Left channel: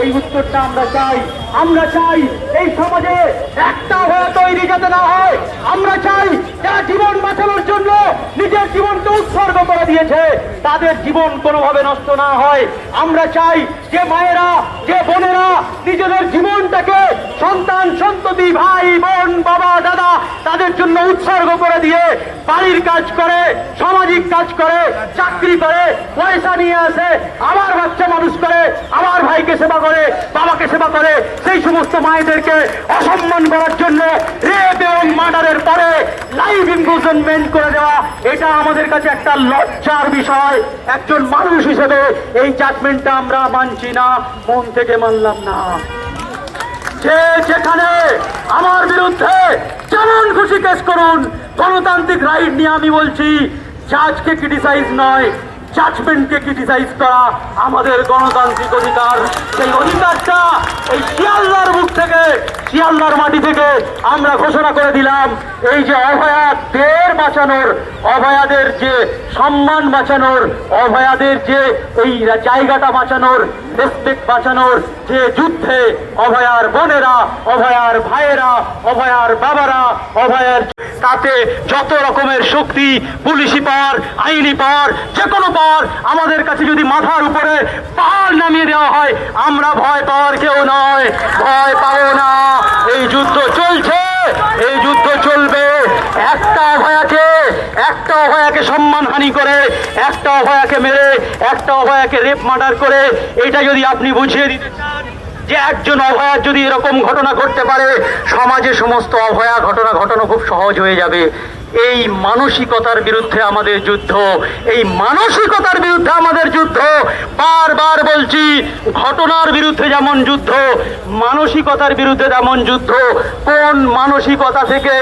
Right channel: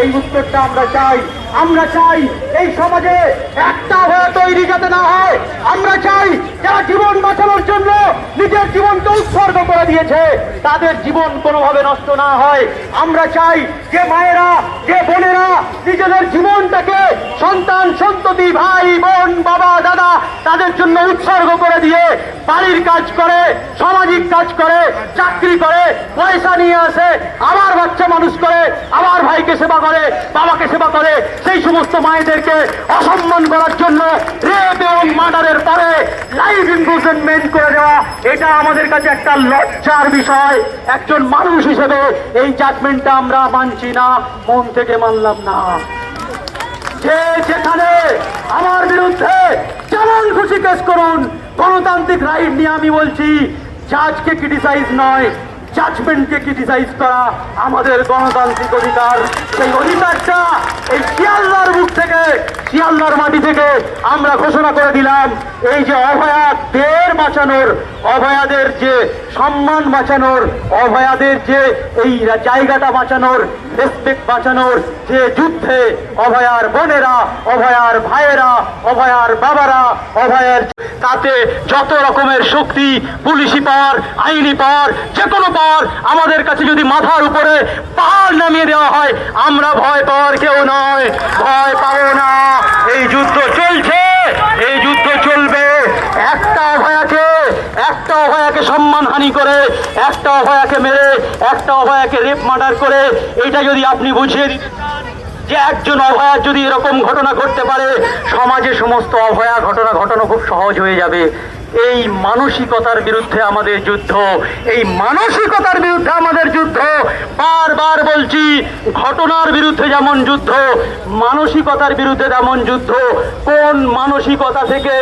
এই উত্তরটা আমরা চাই। আমরা চাই এই সমাজে একটা হয়ে তৈরি যাতে না হয়। আমরা চাই যারা জীবন বাঁচানোর জন্য নিজের জীবনকে উৎসর্গ করে দিয়েছে তাদের জীবন কোনোভাবে নষ্ট না হয়। আমরা চাই যে মায়েরা, যে বোনেরা নিজেদের জীবনটাকে সন্তান সন্ততি, ভাই বোন, বাবা দাদা তাদের জন্য উৎসর্গ করে দিয়ে বাড়ির কাজ করে, সামাজিক কাজ করে, চাকরি করে, পয়সা নিয়ে আসে, আবার বাচ্চা মানুষ করে, আবার ভাইকে সেবা করে, বাবাকে সেবা করে, সেই সমস্ত মায়েদেরকে অসম্মান করার জন্য রেপ এবং মার্ডারের পরে লাইফ ইমপ্রিজনমেন্ট করে দেওয়া, এটা আমাদের কাছে একটা লজ্জার বিষয়। একজন মানুষ হিসেবে এই জাজমেন্টটা আমরা মানছি না, মন থেকে মানলাম না। যে যেখানে আমার বিরুদ্ধে যেমন খুশি কেস করুন, গণতান্ত্রিক রাইট নিয়ে আমি বলছি, জাজকে ক্রিটিসাইজ নয়, জাজমেন্টকে ক্রিটিসাইজ করা আমাদের গণতান্ত্রিক অধিকার। সেই অধিকারটা এই শিয়ালদার বুক থেকে, শিয়ালদার মাটি থেকে আমরা ঘোষণা করে দিলাম। এই যে অভয়াদের বাঁচানোর, অভয়াদের যে সম্মান বাঁচানোর, অভয়াদের যে এই জায়গাটা বাঁচানোর, রেসপেক্ট বাঁচানোর যে যুদ্ধে অভয়ার বোনেরা, অভয়ার ভাইয়েরা, অভয়ার বাবারা, অভয়ার, তাতে যত রকমের শক্তি, পুলিশি পাওয়ার, আইনি পাওয়ার, যে কোনো পাওয়ার আমাদের কাছে যদি মাথার উপরে পাহাড় নামিয়ে দেওয়া হয়, আমরা ভয় পাওয়ার কেউ নয়, ভয় পাবো না। এই যুদ্ধ চলছে, এই যুদ্ধ চলবে। একটা অভয়াকে সম্মানহানি করে, একটা অভয়াকে মেরে, একটা অভয়াকে রেপ মার্ডার করে, এটা যদি আপনি বুঝিয়ে দিতে চান যে একজন অভয়া যদি এরকম ঘটনা ঘটতে পারে, সমাজে সমস্ত অভয়া ঘটনা ঘটানো খুব সহজ হয়ে যাবে। এই মানসিকতার বিরুদ্ধে আমাদের যুদ্ধ, এই মানসিকতার বিরুদ্ধে আমাদের যুদ্ধ। বারবার বলছি, ঘটনার বিরুদ্ধে যেমন যুদ্ধ, মানসিকতার বিরুদ্ধে তেমন যুদ্ধ। কোন মানসিকতা থেকে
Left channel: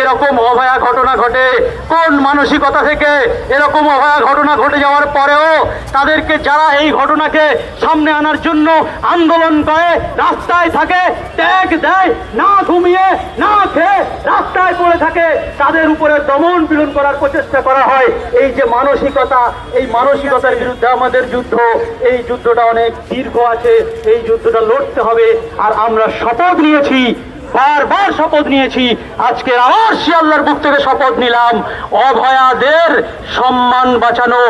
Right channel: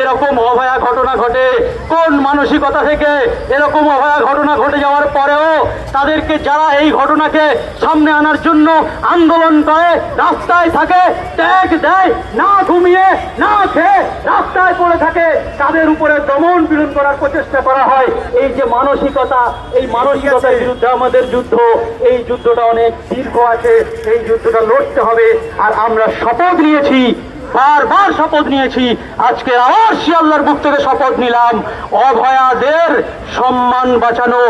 এরকম অভয়া ঘটনা ঘটে, কোন মানসিকতা থেকে এরকম অভয়া ঘটনা ঘটে যাওয়ার পরেও তাদেরকে, যারা এই ঘটনাকে সামনে আনার জন্য আন্দোলন করে, রাস্তায় থাকে, ট্যাগ দেয়, না ঘুমিয়ে না খেয়ে রাস্তায় পড়ে থাকে, তাদের উপরে দমন পীড়ন করার প্রচেষ্টা করা হয়। এই যে মানসিকতা, এই মানসিকতার বিরুদ্ধে আমাদের যুদ্ধ, এই যুদ্ধটা অনেক দীর্ঘ আছে, এই যুদ্ধটা লড়তে হবে। আর আমরা শপথ নিয়েছি, বারবার শপথ নিয়েছি, আজকে আবার শিয়ালদার বুক থেকে শপথ নিলাম, অভয়াদের সম্মান বাঁচানো,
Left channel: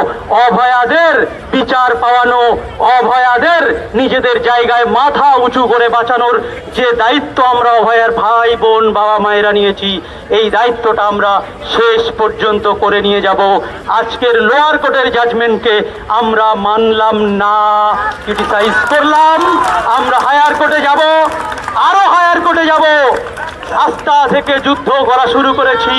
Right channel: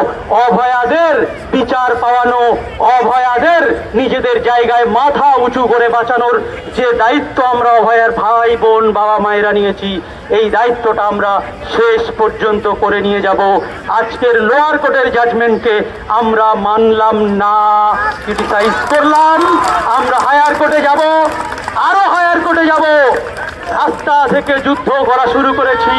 অভয়াদের বিচার পাওয়ানো, অভয়াদের নিজেদের জায়গায় মাথা উঁচু করে বাঁচানোর যে দায়িত্ব আমরা অভয়ার ভাই বোন বাবা মায়েরা নিয়েছি, এই দায়িত্বটা আমরা শেষ পর্যন্ত করে নিয়ে যাব। আজকের লোয়ার কোর্টের জাজমেন্টকে আমরা মানলাম না, ক্রিটিসাইজ করলাম। আমরা হায়ার কোর্টে যাব, আরো হায়ার কোর্টে যাব, রাস্তা থেকে যুদ্ধ করা শুরু করেছি।